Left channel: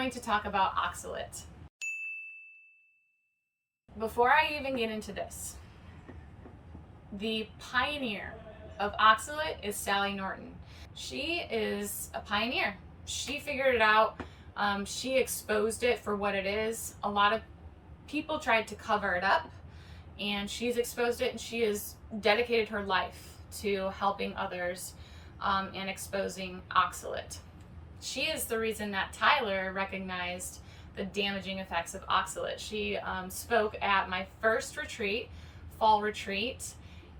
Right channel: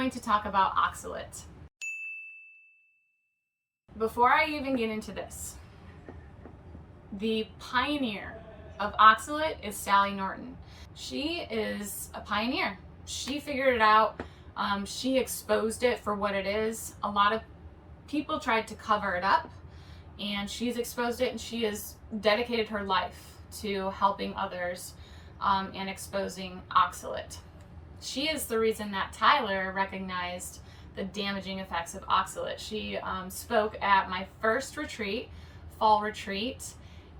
going to talk about oxalate. Before I even get into this, the pioneer of oxalate is Sally Norton. She is a pioneer. She figured it out. She exposed it for what it is. A lot of people tried to cover it up, and she's exposed it, and she has dedicated her life to helping others and exposing oxalate. She is the reason that Tyler recognized the damaging effects of oxalate. She spoke at my first retreat, fall retreat,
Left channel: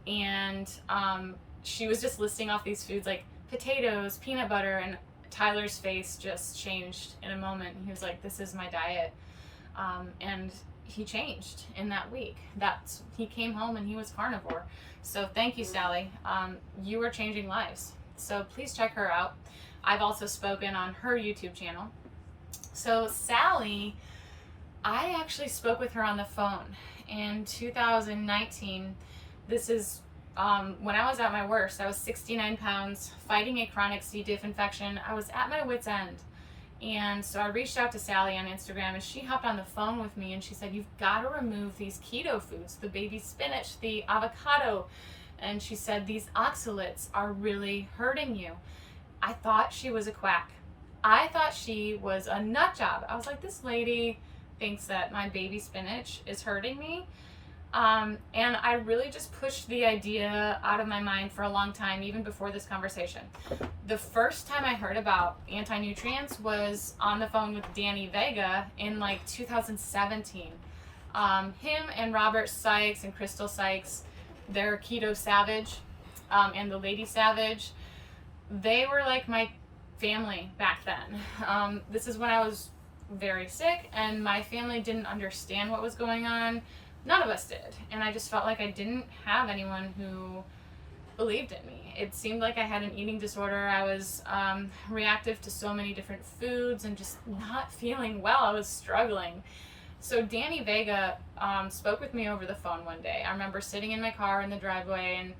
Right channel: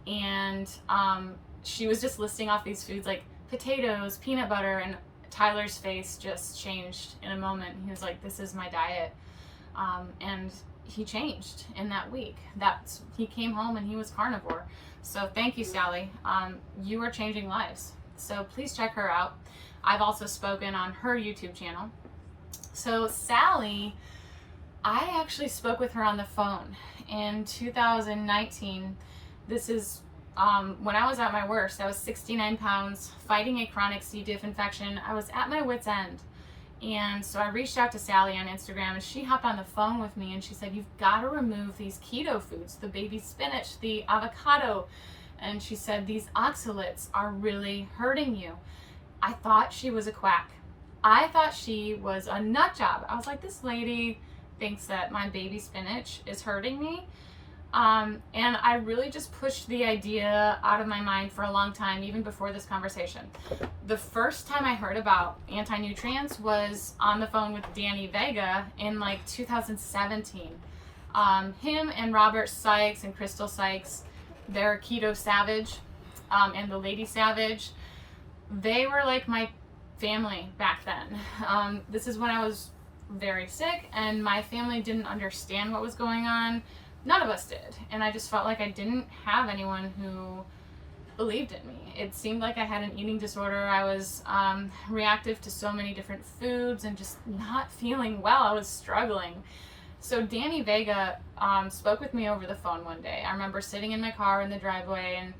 and she was just listing off these foods like potatoes, peanut butter, and Tyler's face just changed in a moment. He was like, this is my diet. And he changed in that week. He came home and he was carnivore. So thank you, Sally. You are changing lives. So please check her out. I've also spoken on her YouTube channel. So Sally, I actually spoke with her on the phone in 2019. This is when I was at my worst. I was 69 pounds, fighting a chronic CDiff infection. I was at my wit's end. And so I reached out to Sally on Instagram, and she hopped on the phone with me, and she said, you've got to remove these keto foods, the baby spinach, the avocado. And she said, these oxalates are really hurting you. I thought she was a quack. I thought she was a nut job. I was like, this lady thinks that my baby spinach is hurting me. And I really just pushed the idea out of my mind for a long time, even before this conversation. The first time I heard about anti-nutrients was on the phone with Danny Vega in like 2017. Him and Robert Sykes and Crystal Sykes, they're Keto Savage, and the Lady Savage. They were like my family back then. This is when I was very sick and my family didn't understand what was going on. None of us did. And I just felt like I didn't have anyone who believed in me. It seemed like I had an eating disorder. I was reactive to so many different foods and just not feeling well. I was struggling. So Danny Vega spoke with me over the phone one day. I remember sitting in my car in the driveway, and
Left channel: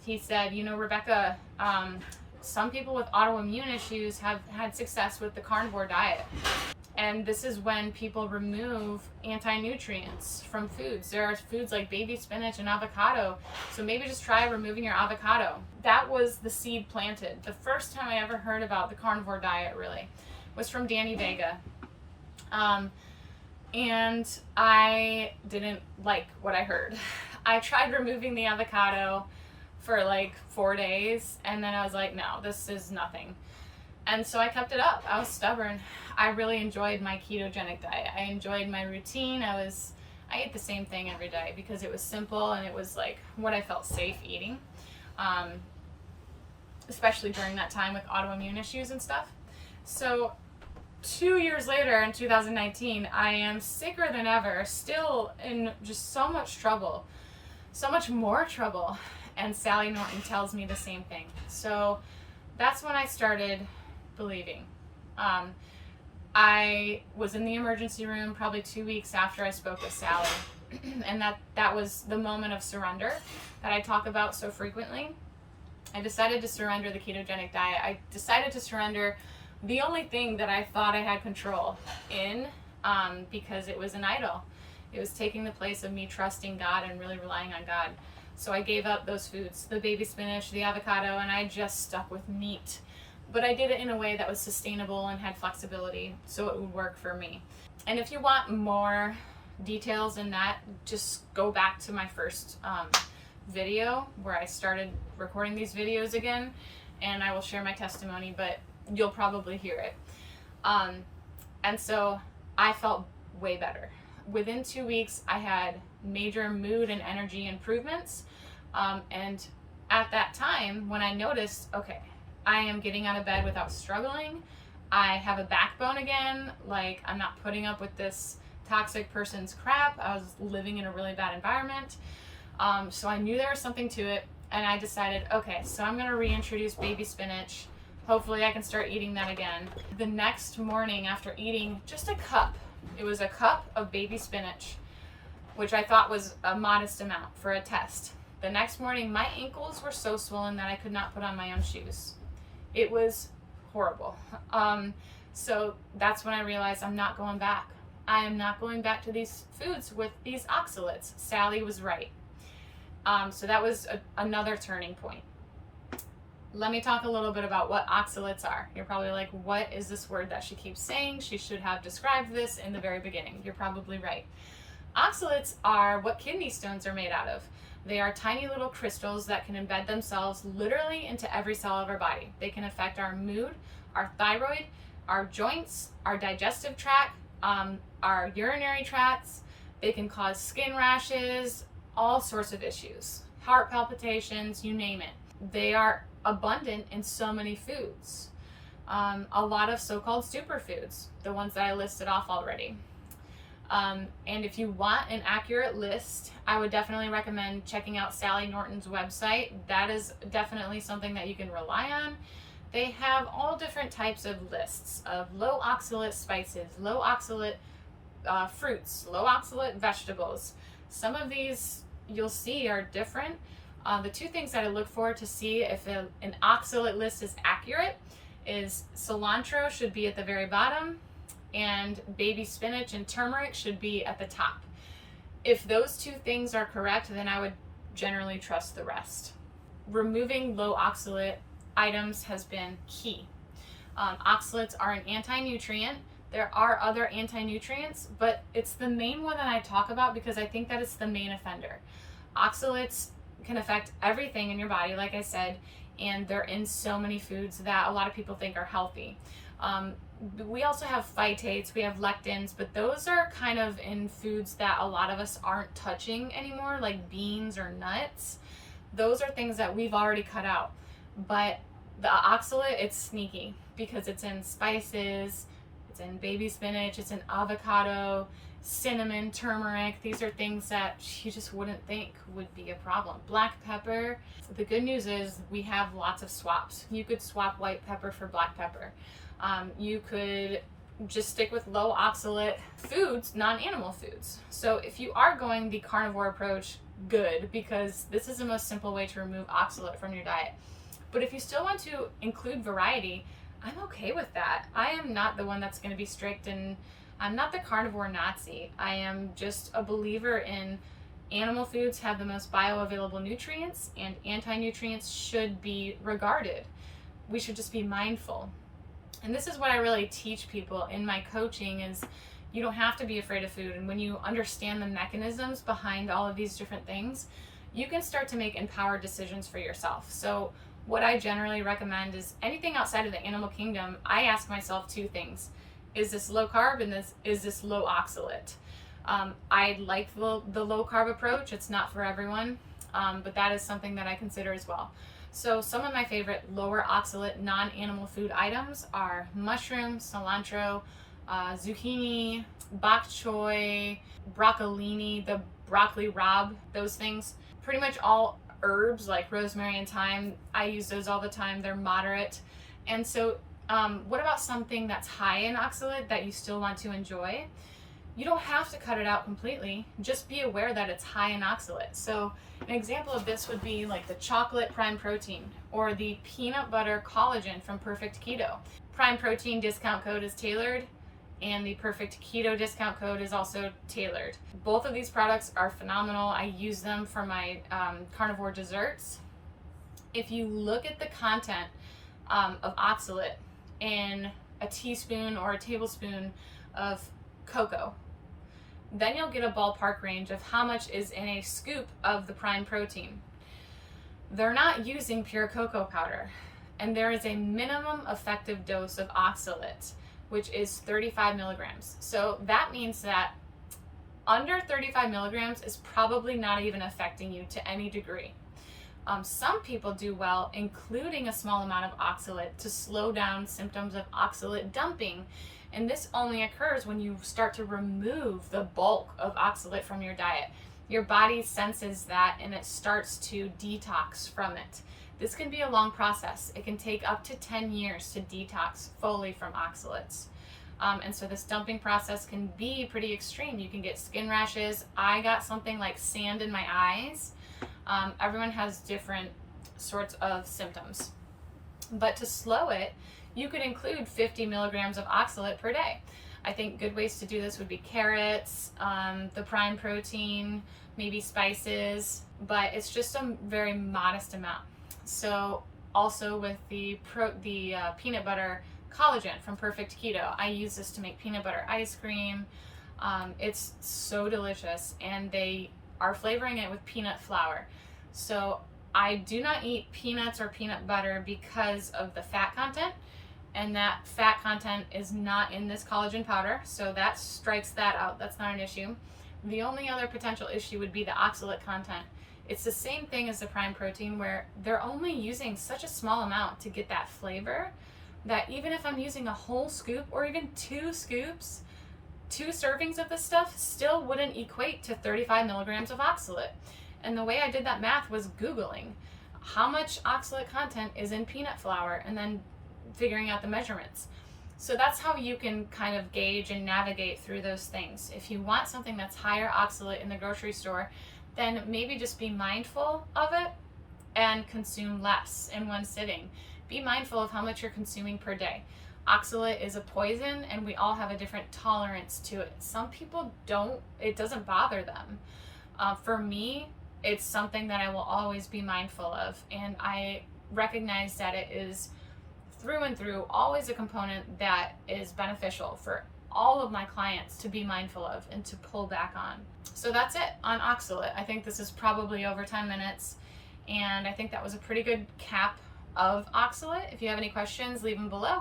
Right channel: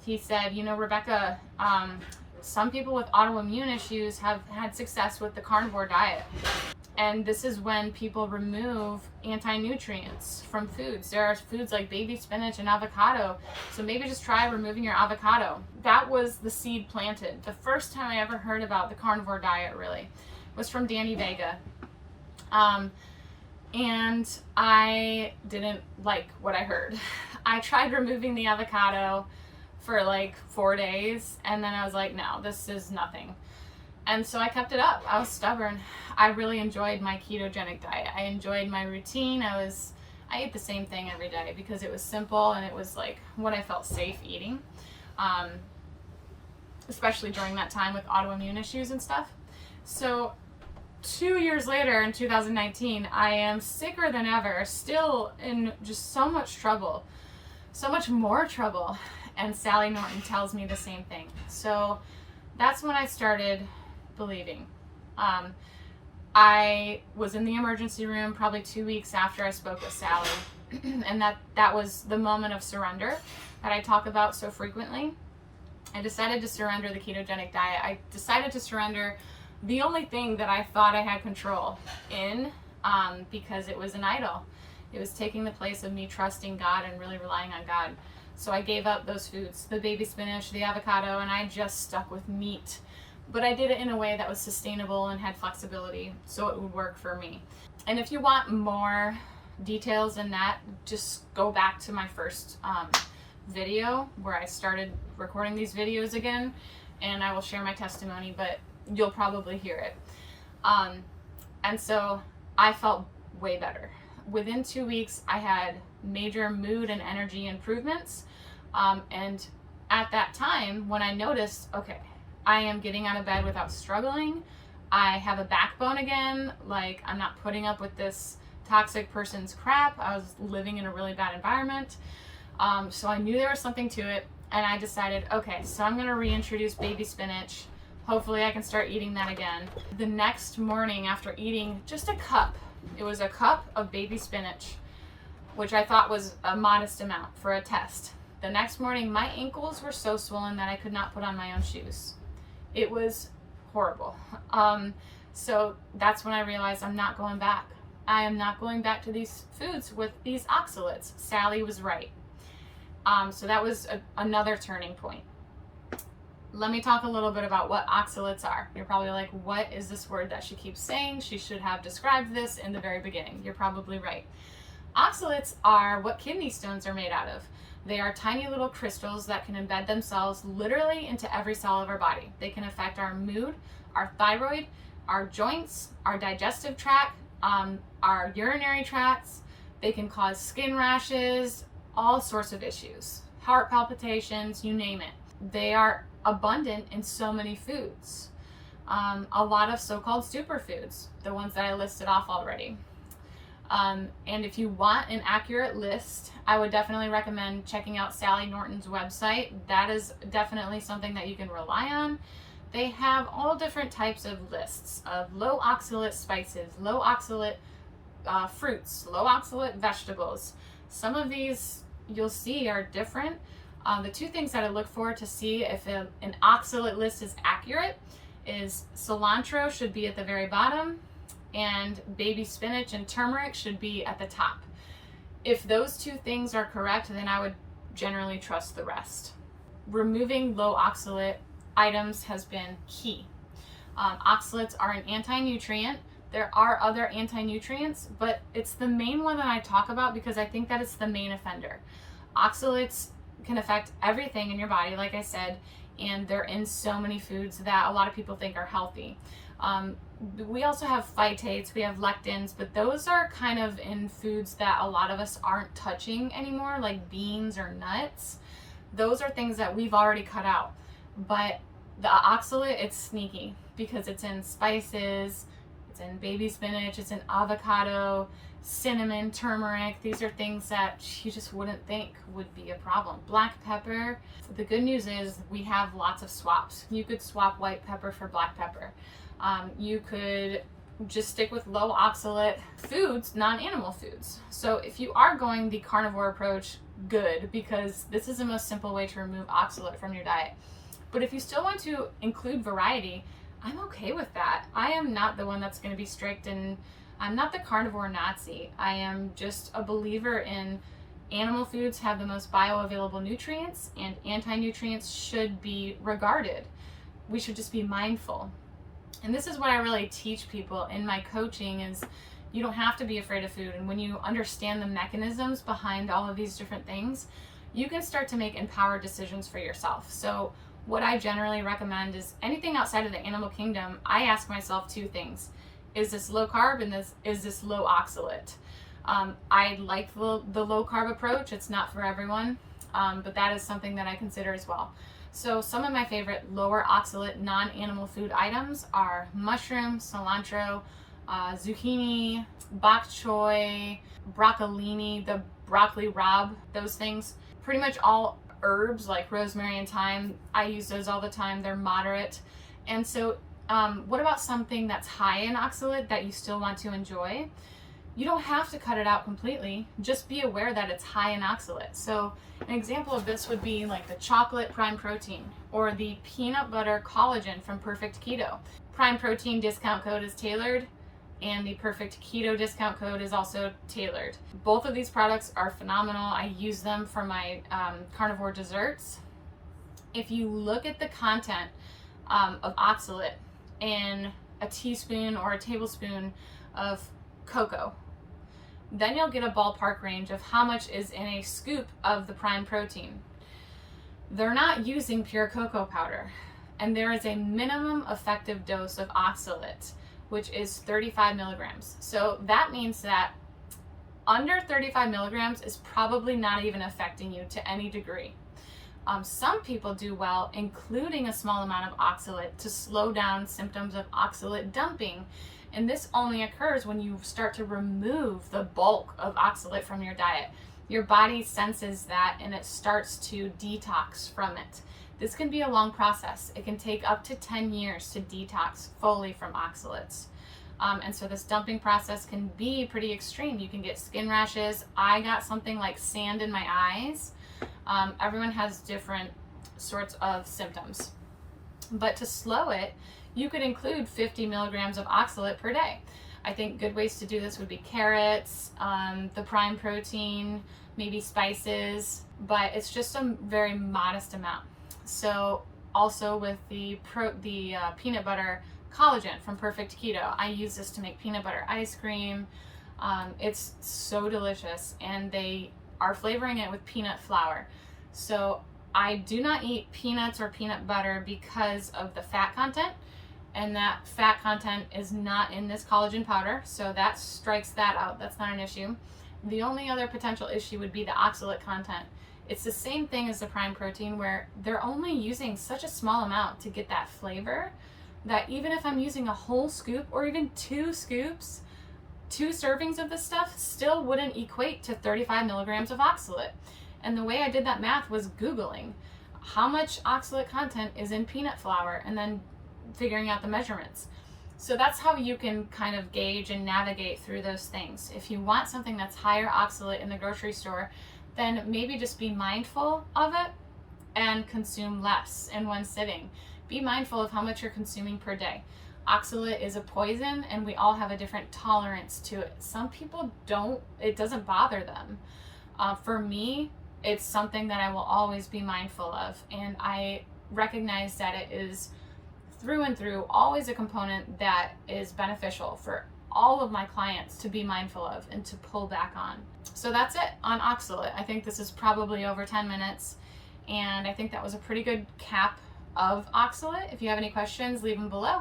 he said, you know, Rebekah, some people with autoimmune issues have had success with the carnivore diet. And this is when people remove anti-nutrients from foods. There are foods like baby spinach and avocado. So maybe just try removing your avocado. That was the seed planted. The first time I ever heard about the carnivore diet really was from Danny Vega. And I didn't like what I heard. I tried removing the avocado for like 4 days, and then I was like, no, this is nothing. And so I kept it up. I was stubborn. I really enjoyed my ketogenic diet. I enjoyed my routine. I ate the same thing every day because it was simple and it was like what I felt safe eating, especially during that time with autoimmune issues and stuff. So 2 years later in 2019, I am sicker than ever, still in just so much trouble, so much more trouble. And Sally Norton tells me the same thing. So that's when I started believing. I was in the emergency room probably 2 weeks after I spoke with Sally. And that was the moment of surrender that I talk about so frequently. I decided to surrender the ketogenic diet. I decided to surrender the only thing that I thought I had control in, because it was an idol. It was taking the place of me trusting God and really relying on God. So I gave up those foods, the baby spinach, the avocado, and I just stuck with meat. But I did it in a way that was sustainable and had flexibility, so it would work for me. And if you want more details in that, just go back to my first video where I started recording these videos again, and I will share my testimony, but you'll probably hear it. And so I felt way better. Within 2 weeks, I had major mood and energy improvements. And at that time, when I noticed, okay, I am getting out of bed without struggling, I have a backbone again, like I'm not putting up with this toxic person's crap. I was living in a really bad environment. So I knew there was something to it, and I decided, okay, so I'm gonna reintroduce baby spinach. Hopefully I can start eating that again. The next morning after eating just a cup, it was a cup of baby spinach, which I thought was a modest amount for a test. The next morning, my ankles were so swollen that I could not put on my own shoes. It was horrible. So that's when I realized I'm not going back. I am not going back to these foods with these oxalates. Sally was right. So that was another turning point. Let me talk a little bit about what oxalates are. You're probably like, what is this word that she keeps saying? She should have described this in the very beginning. You're probably right. Oxalates are what kidney stones are made out of. They are tiny little crystals that can embed themselves literally into every cell of our body. They can affect our mood, our thyroid, our joints, our digestive tract, our urinary tracts. They can cause skin rashes, all sorts of issues, heart palpitations, you name it. They are abundant in so many foods. A lot of so-called superfoods, the ones that I listed off already. And if you want an accurate list, I would definitely recommend checking out Sally Norton's website. That is definitely something that you can rely on. They have all different types of lists of low oxalate spices, low oxalate fruits, low oxalate vegetables. Some of these you'll see are different. The two things that I look for to see if an oxalate list is accurate is cilantro should be at the very bottom, and baby spinach and turmeric should be at the top. If those two things are correct, then I would generally trust the rest. Removing low oxalate items has been key. Oxalates are an anti-nutrient. There are other anti-nutrients, but it's the main one that I talk about because I think that it's the main offender. Oxalates can affect everything in your body, like I said, and they're in so many foods that a lot of people think are healthy. We also have phytates, we have lectins, but those are kind of in foods that a lot of us aren't touching anymore, like beans or nuts. Those are things that we've already cut out. But the oxalate, it's sneaky because it's in spices, it's in baby spinach, it's in avocado, cinnamon, turmeric. These are things that you just wouldn't think would be a problem. Black pepper. The good news is we have lots of swaps. You could swap white pepper for black pepper. You could just stick with low oxalate foods, non-animal foods. So if you are going the carnivore approach, good, because this is the most simple way to remove oxalate from your diet. But if you still want to include variety, I'm okay with that. I am not the one that's going to be strict, and I'm not the carnivore Nazi. I am just a believer in animal foods have the most bioavailable nutrients, and anti-nutrients should be regarded. We should just be mindful. And this is what I really teach people in my coaching is you don't have to be afraid of food. And when you understand the mechanisms behind all of these different things, you can start to make empowered decisions for yourself. So what I generally recommend is anything outside of the animal kingdom, I ask myself two things. Is this low carb, and is this low oxalate? I like the low carb approach. It's not for everyone, but that is something that I consider as well. So some of my favorite lower oxalate non-animal food items are mushroom, cilantro, zucchini, bok choy, broccolini, the broccoli rabe, those things. Pretty much all herbs like rosemary and thyme, I use those all the time. They're moderate. And so what about something that's high in oxalate that you still want to enjoy? You don't have to cut it out completely. Just be aware that it's high in oxalate. So an example of this would be like the chocolate prime protein or the peanut butter collagen from Perfect Keto. Prime protein discount code is tailored, and the Perfect Keto discount code is also tailored. Both of these products are phenomenal. I use them for my carnivore desserts. If you look at the content of oxalate in a teaspoon or a tablespoon of cocoa, then you'll get a ballpark range of how much is in a scoop of the prime protein. They're not using pure cocoa powder, and there is a minimum effective dose of oxalate, which is 35 milligrams. So that means that under 35 milligrams is probably not even affecting you to any degree. Some people do well including a small amount of oxalate to slow down symptoms of oxalate dumping. And this only occurs when you start to remove the bulk of oxalate from your diet. Your body senses that and it starts to detox from it. This can be a long process. It can take up to 10 years to detox fully from oxalates. And so this dumping process can be pretty extreme. You can get skin rashes. I got something like sand in my eyes. Everyone has different sorts of symptoms. But to slow it, you could include 50 milligrams of oxalate per day. I think good ways to do this would be carrots, the prime protein, maybe spices, but it's just a very modest amount. So also with the peanut butter collagen from Perfect Keto, I use this to make peanut butter ice cream. It's so delicious, and they are flavoring it with peanut flour. So I do not eat peanuts or peanut butter because of the fat content, and that fat content is not in this collagen powder, so that strikes that out. That's not an issue. The only other potential issue would be the oxalate content. It's the same thing as the prime protein, where they're only using such a small amount to get that flavor that even if I'm using a whole scoop or even 2 scoops, 2 servings of this stuff still wouldn't equate to 35 milligrams of oxalate. And the way I did that math was Googling how much oxalate content is in peanut flour and then figuring out the measurements. So that's how you can kind of gauge and navigate through those things. If you want something that's higher oxalate in the grocery store, then maybe just be mindful of it and consume less in one sitting. Be mindful of how much you're consuming per day. Oxalate is a poison, and we all have a different tolerance to it. Some people don't, it doesn't bother them. For me, it's something that I will always be mindful of, and I recognize that it is through and through always a component that is beneficial for all of my clients to be mindful of and to pull back on. So that's it on oxalate. I think this is probably over 10 minutes, and I think that was a pretty good cap of oxalate. If you have any questions, leave them below.